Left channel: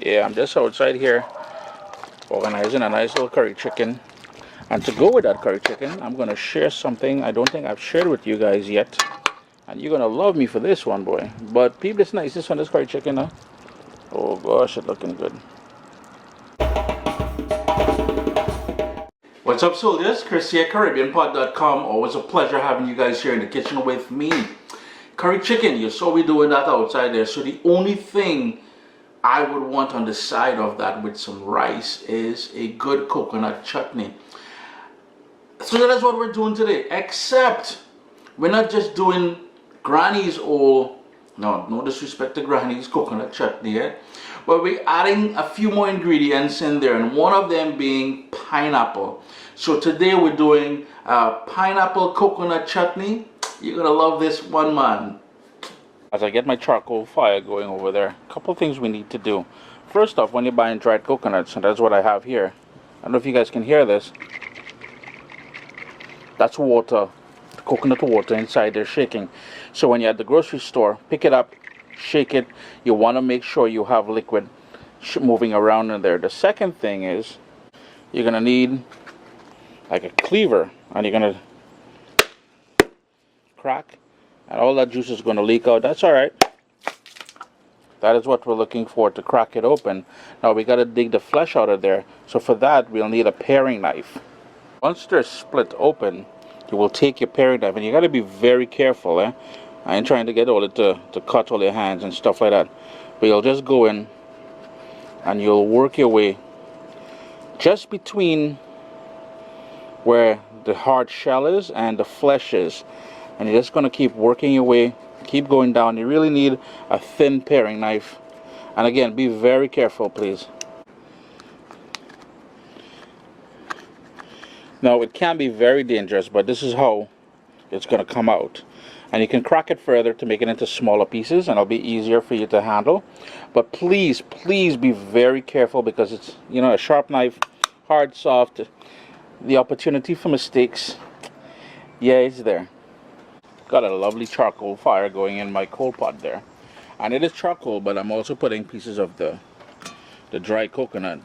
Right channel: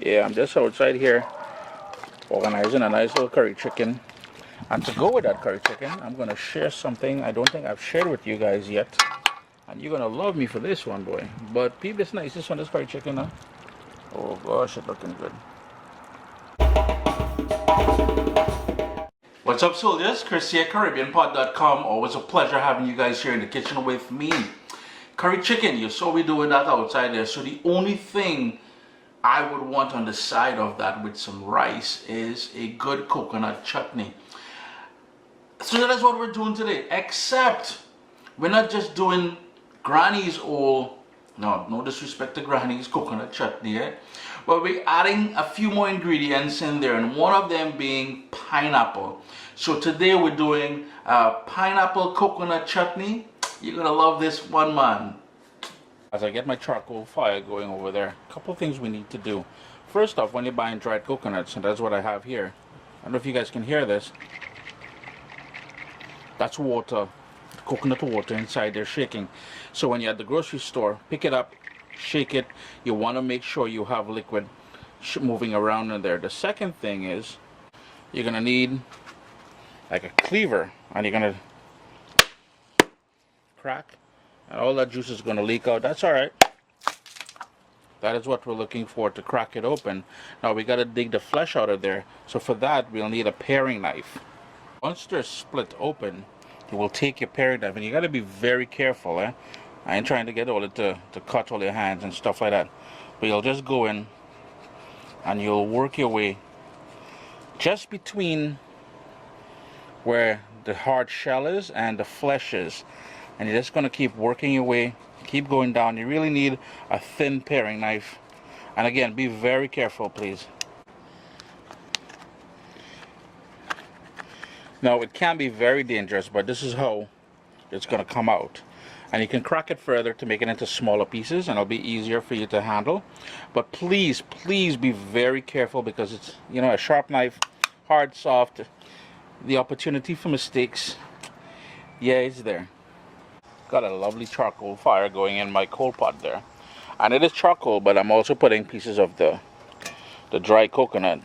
Yeah, I'm just outside here organizing a nice little curry chicken. And to go with that curry chicken, I'm going to share something I don't think I've shared with you guys yet. And you're going to love me for this one, boy. But peep this niceness on this curry chicken, huh? Oh gosh, it's looking good. What's up, soldiers? Chris here, CaribbeanPod.com. Always a pleasure having you guys here in the kitchen with me. Curry chicken, you saw me doing that outside there. So the only thing I would want on the side of that with some rice is a good coconut chutney. So that is what we're doing today, except we're not just doing Granny's old, no disrespect to Granny's coconut chutney, eh? But we're adding a few more ingredients in there, and one of them being pineapple. So today we're doing pineapple coconut chutney. You're gonna love this one, man. As I get my charcoal fire going over there, a couple of things we need to do. First off, when you're buying dried coconuts, and that's what I have here. I don't know if you guys can hear this. That's water, coconut water inside there shaking. So when you're at the grocery store, pick it up, shake it. You want to make sure you have liquid moving around in there. The second thing is you're going to need like a cleaver, and you're going to crack, and all that juice is going to leak out. That's all right. That is what we're looking for, to crack it open. Now we got to dig the flesh out of there. So for that, we'll need a paring knife. Once they're split open, you will take your paring knife, and you got to be very careful, eh? I ain't trying to get all it to cut all your hands and stuff like that. But you'll just go in and you'll work your way just between where the hard shell is and the flesh is. And you're just going to keep working your way, keep going down. You really need a thin paring knife. And again, be very careful, please. Now, it can be very dangerous, but this is how it's going to come out. And you can crack it further to make it into smaller pieces, and it'll be easier for you to handle. But please, please be very careful, because it's, you know, a sharp knife, hard, soft. The opportunity for mistakes, yeah, it's there. Got a lovely charcoal fire going in my coal pot there. And it is charcoal, but I'm also putting pieces of the dry coconut.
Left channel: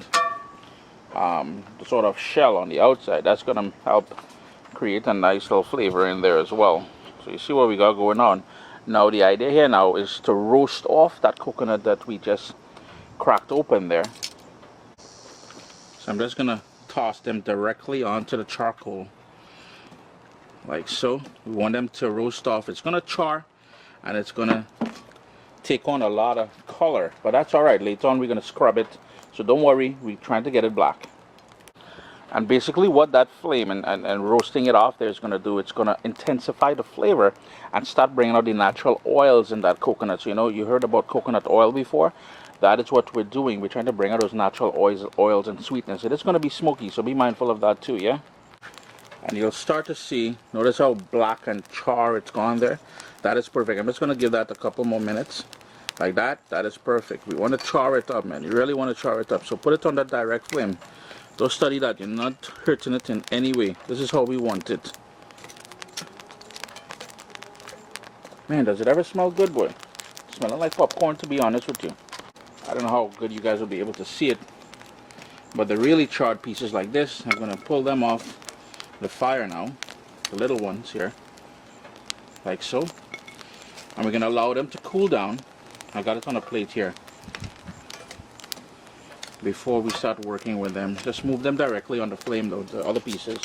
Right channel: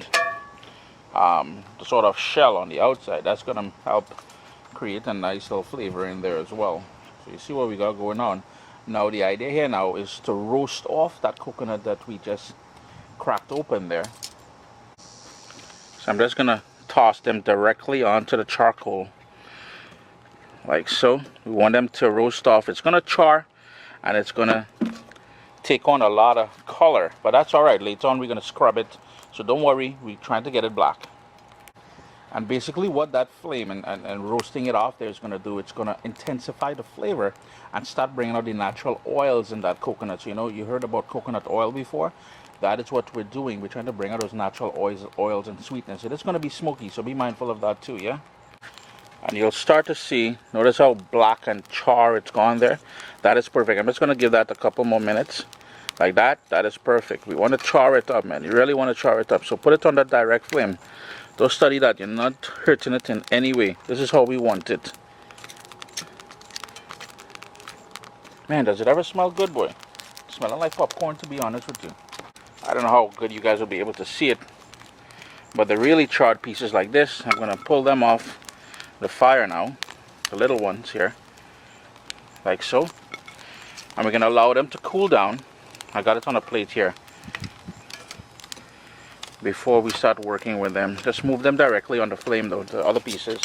The sort of shell on the outside, that's going to help create a nice little flavor in there as well. So you see what we got going on. Now the idea here now is to roast off that coconut that we just cracked open there. So I'm just going to toss them directly onto the charcoal like so. We want them to roast off. It's going to char, and it's going to take on a lot of color, but that's all right. Later on we're going to scrub it, so don't worry, we're trying to get it black. And basically what that flame and roasting it off there is going to do, it's going to intensify the flavor and start bringing out the natural oils in that coconut. So, you know, you heard about coconut oil before. That is what we're doing. We're trying to bring out those natural oils and sweetness. It is going to be smoky, so be mindful of that too, yeah? And you'll start to see, notice how black and char it's gone there. That is perfect. I'm just going to give that a couple more minutes. Like that. That is perfect. We want to char it up, man. You really want to char it up. So put it on that direct flame. Don't study that. You're not hurting it in any way. This is how we want it. Man, does it ever smell good, boy? Smelling like popcorn, to be honest with you. I don't know how good you guys will be able to see it. But the really charred pieces like this, I'm going to pull them off the fire now. The little ones here. Like so. And we're going to allow them to cool down. I got it on a plate here. Before we start working with them, just move them directly on the flame though, the other pieces.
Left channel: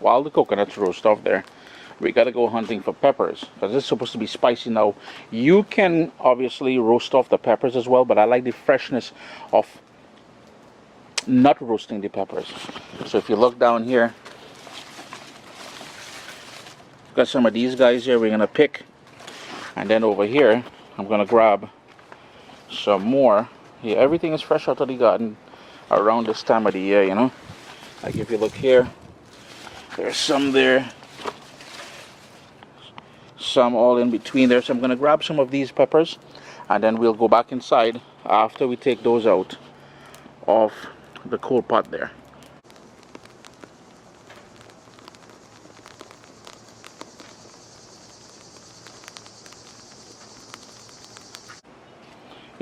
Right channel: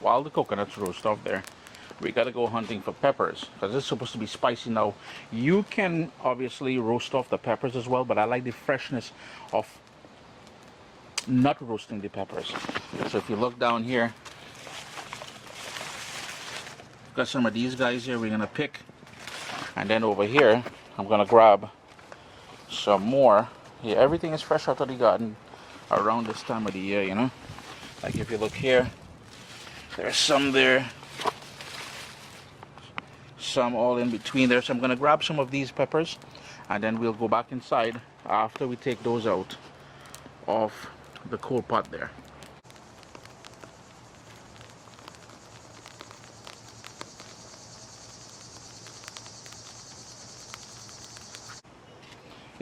While the coconuts roast off there, we gotta go hunting for peppers, because it's supposed to be spicy now. You can obviously roast off the peppers as well, but I like the freshness of not roasting the peppers. So if you look down here, got some of these guys here we're gonna pick, and then over here I'm gonna grab some more. Yeah, everything is fresh out of the garden around this time of the year, you know. Like if you look here, there's some there, some all in between there. So I'm going to grab some of these peppers, and then we'll go back inside after we take those out of the coal pot there.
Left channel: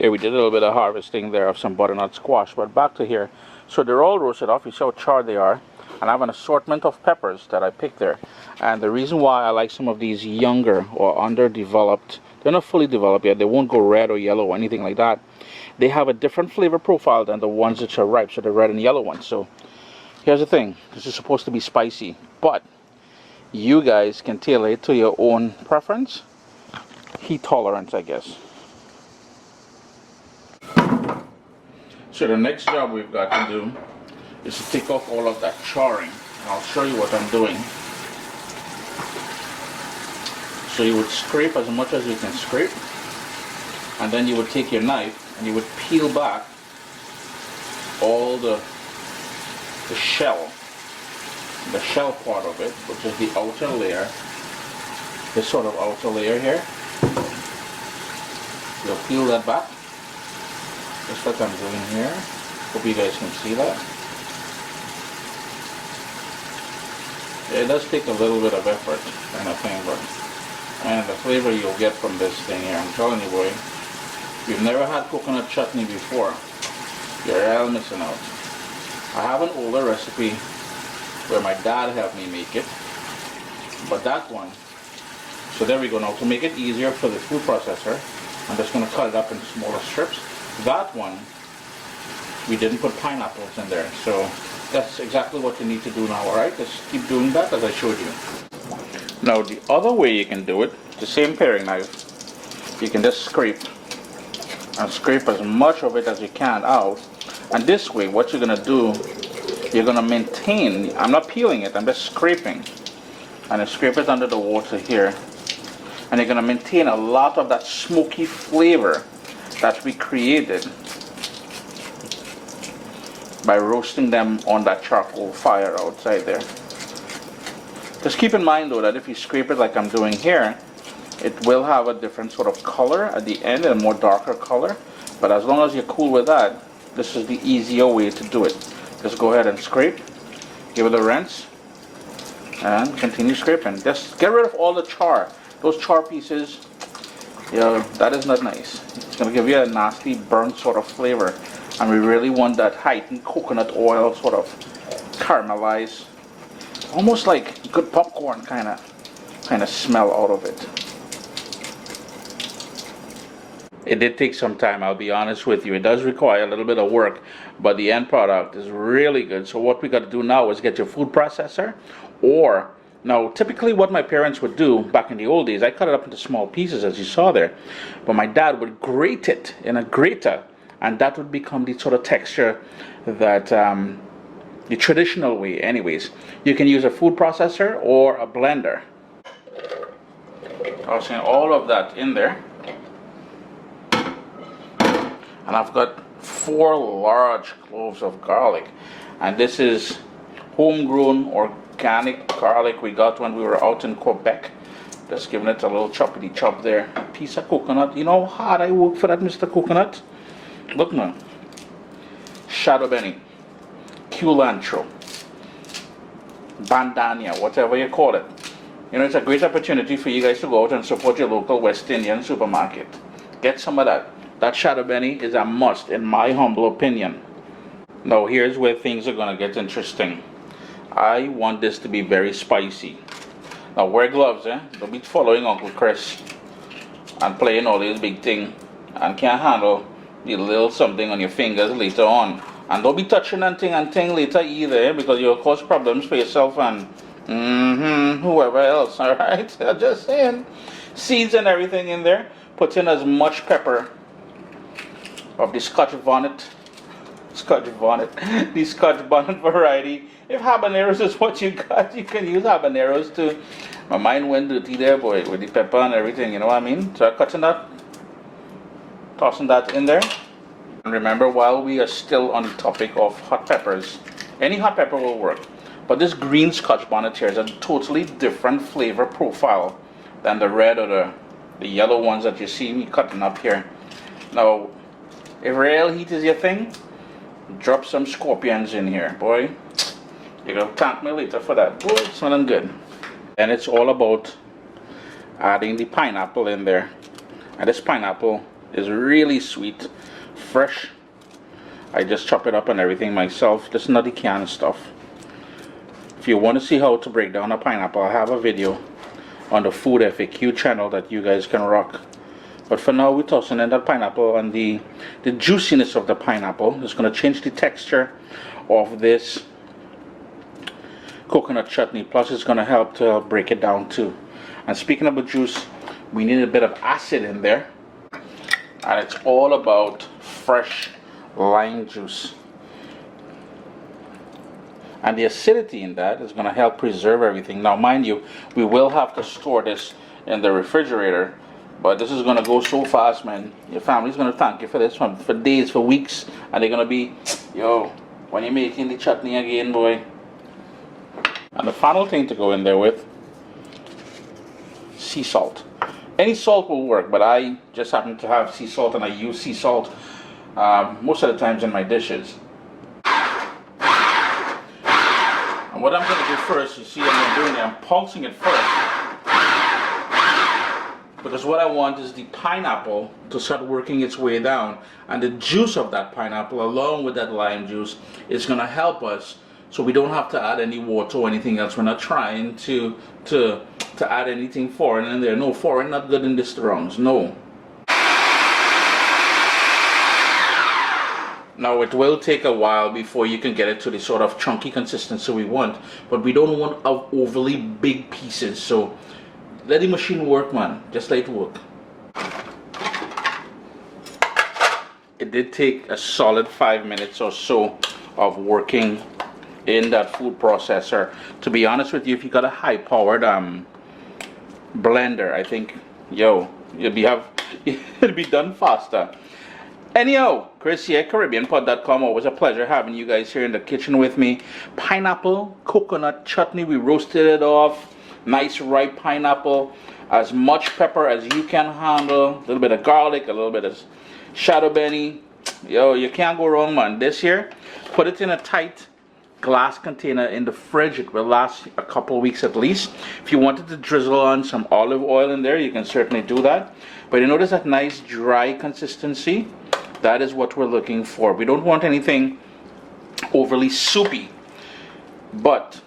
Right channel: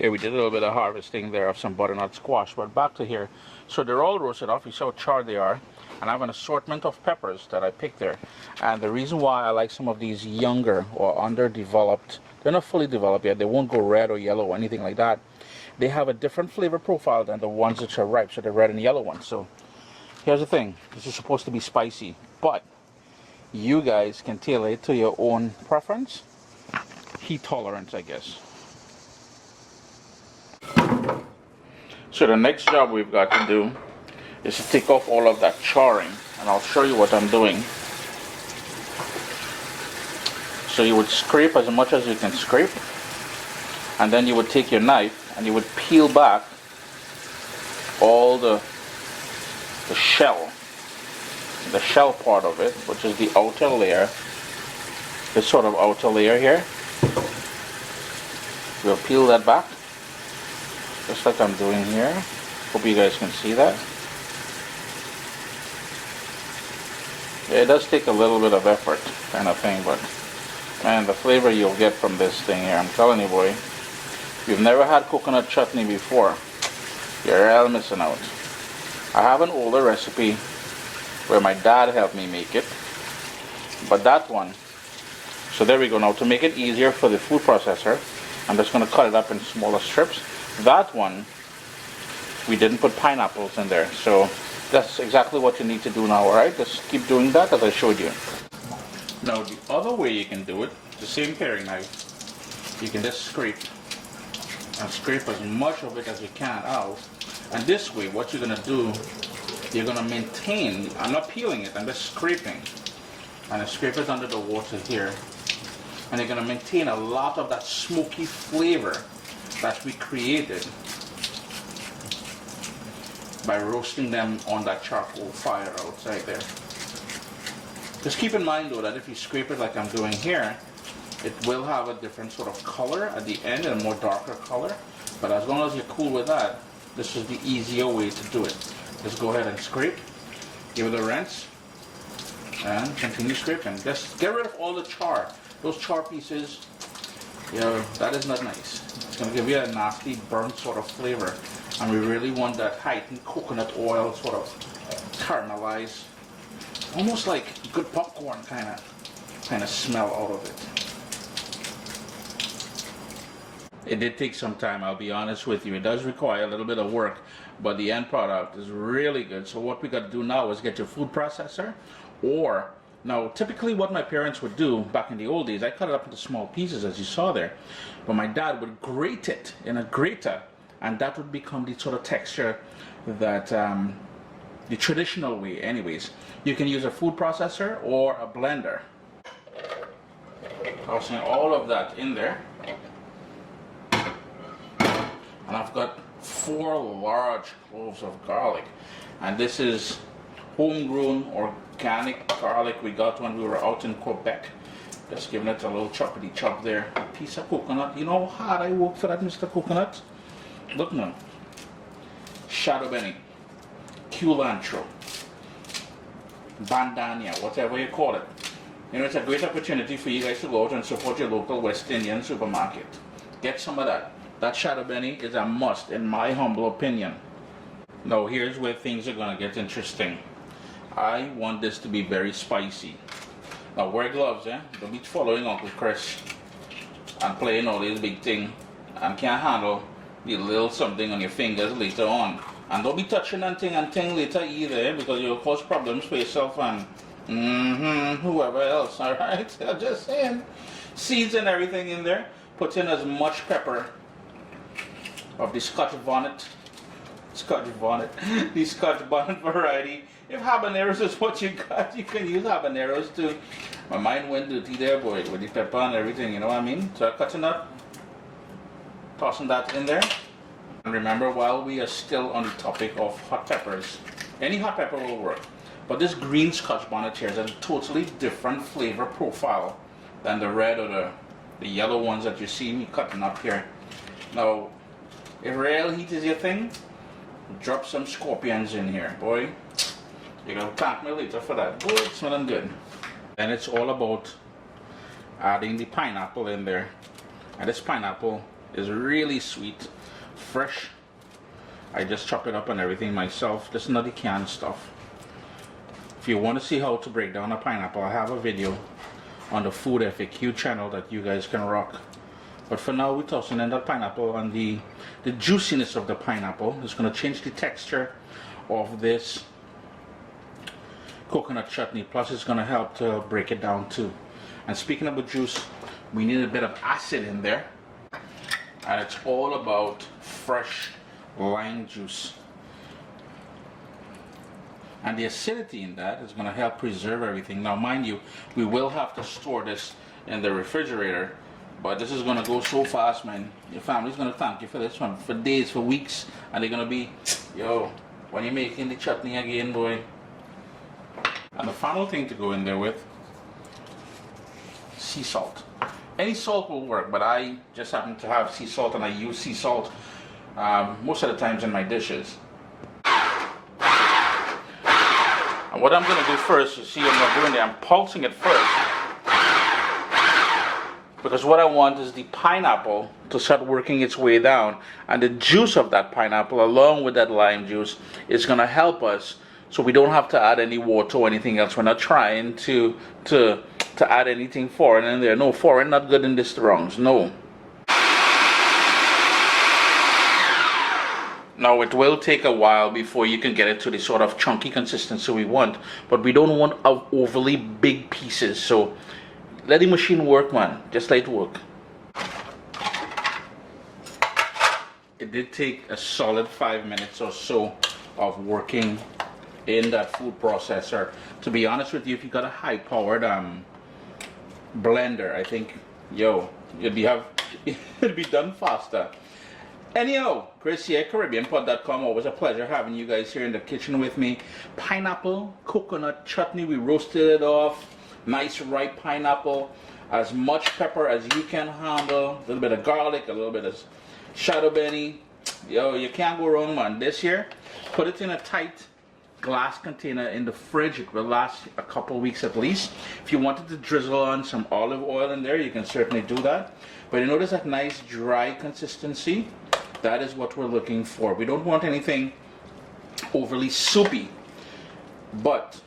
Here we did a little bit of harvesting there of some butternut squash, but back to here. So they're all roasted off. You see how charred they are. And I have an assortment of peppers that I picked there. And the reason why I like some of these younger or underdeveloped, they're not fully developed yet. They won't go red or yellow or anything like that. They have a different flavor profile than the ones that are ripe, so the red and yellow ones. So here's the thing. This is supposed to be spicy, but you guys can tailor it to your own preference. Heat tolerance, I guess. So the next job we've got to do is to take off all of that charring, and I'll show you what I'm doing. So you would scrape as much as you can scrape, and then you would take your knife and you would peel back all the shell part of it, which is the outer layer, this sort of outer layer here. We'll peel that back, just like I'm doing here. Hope you guys can see that. Yeah, it does take a little bit of effort, kind of thing, but man, the flavor you'll get from this thing here, I'm telling you, boy. If you've never had coconut chutney before, you're all missing out. I have an older recipe where my dad helped me make it, but that one, so there we go. Now to make it easier for the food processor, I'm just going to cut it up in smaller strips. That one, we didn't put pineapples in there, so that's exactly what you need to do now, alright? Just keep doing that as I showed you. Now the other way you can do it, the same paring knife, you can just scrape and scrape as much of it as you can out. And this way, what you're going to do, you're going to maintain, I'm not peeling it, I'm just scraping. And I scrape it under the water here. And you're going to maintain a lot of that smoky flavor that we created by roasting them on that charcoal fire outside there. Just keep in mind though that if you scrape it like I'm doing here, it will have a different sort of color at the end, a more darker color. But as long as you're cool with that, this is the easier way to do it. Just go ahead and scrape, give it a rinse, and continue scraping. Just get rid of all the char. Those char pieces, yeah, that is not nice. It's going to give you a nasty burnt sort of flavor. And we really want that heightened coconut oil sort of caramelized, almost like good popcorn kind of smell out of it. It did take some time, I'll be honest with you. It does require a little bit of work, but the end product is really good. So what we got to do now is get your food processor, or now typically what my parents would do back in the old days, I cut it up into small pieces as you saw there, but my dad would grate it in a grater, and that would become the sort of texture that the traditional way anyways. You can use a food processor or a blender. Tossing all of that in there. And I've got 4 large cloves of garlic, and this is homegrown organic garlic we got when we were out in Quebec. Just giving it a little choppity chop there. A piece of coconut. You know how hard I work for that, Mr. Coconut? Look now. Shado beni, culantro, bandania, whatever you call it. You know, it's a great opportunity for you guys to go out and support your local West Indian supermarket. Get some of that. That shado beni is a must in my humble opinion. Now here's where things are going to get interesting. I want this to be very spicy. Now wear gloves, eh? Don't be following Uncle Chris and playing all these big things and can't handle the little something on your fingers later on. And don't be touching and thing later either, eh? Because you'll cause problems for yourself and whoever else, alright? I'm just saying. Seeds and everything in there. Put in as much pepper of the scotch bonnet, the scotch bonnet variety. If habaneros is what you got, you can use habaneros too. My mind went dirty there, boy, with the pepper and everything, you know what I mean? So I'm cutting that, tossing that in there. And remember, while we are still on the topic of hot peppers, any hot pepper will work. But this green scotch bonnet here is a totally different flavor profile than the red or the yellow ones that you see me cutting up here. Now, if real heat is your thing, drop some scorpions in here, boy. You're gonna thank me later for that. Boy, it's smelling good. And it's all about adding the pineapple in there. And this pineapple is really sweet, fresh. I just chop it up and everything myself. This is not the canned stuff. If you want to see how to break down a pineapple, I have a video on the Food FAQ channel that you guys can rock. But for now, we're tossing in that pineapple, and the juiciness of the pineapple is going to change the texture of this coconut chutney. Plus, it's going to help to break it down too. And speaking of the juice, we need a bit of acid in there, and it's all about fresh lime juice. And the acidity in that is going to help preserve everything. Now, mind you, we will have to store this in the refrigerator, but this is going to go so fast, man. Your family's going to thank you for this one for days, for weeks, and they're going to be, yo, when you're making the chutney again, boy. And the final thing to go in there with, sea salt. Any salt will work, but I just happen to have sea salt, and I use sea salt most of the times in my dishes. And what I'm going to do first, you see what I'm doing there, I'm pulsing it first, because what I want is the pineapple to start working its way down, and the juice of that pineapple along with that lime juice is going to help us, so we don't have to add any water or anything else. We're not trying to add anything foreign in there. No, foreign not good in this wrongs, no. Now, it will take a while before you can get it to the sort of chunky consistency we want, but we don't want overly big pieces, so let the machine work, man. Just let it work. It did take a solid 5 minutes or so of working in that food processor. To be honest with you, if you got a high-powered blender, I think, yo, it'll be done faster. Anyhow, Chris here, CaribbeanPod.com. Always a pleasure having you guys here in the kitchen with me. Pineapple, coconut chutney. We roasted it off. Nice ripe pineapple. As much pepper as you can handle. A little bit of garlic, a little bit of shado beni. Yo, you can't go wrong, man. This here, put it in a tight glass container in the fridge. It will last a couple weeks at least. If you wanted to drizzle on some olive oil in there, you can certainly do that. But you notice that nice dry consistency? That is what we're looking for. We don't want anything overly soupy. But,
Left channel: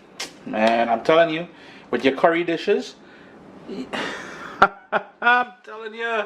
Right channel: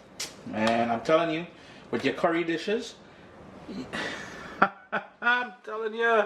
man, I'm telling you, with your curry dishes, I'm telling you,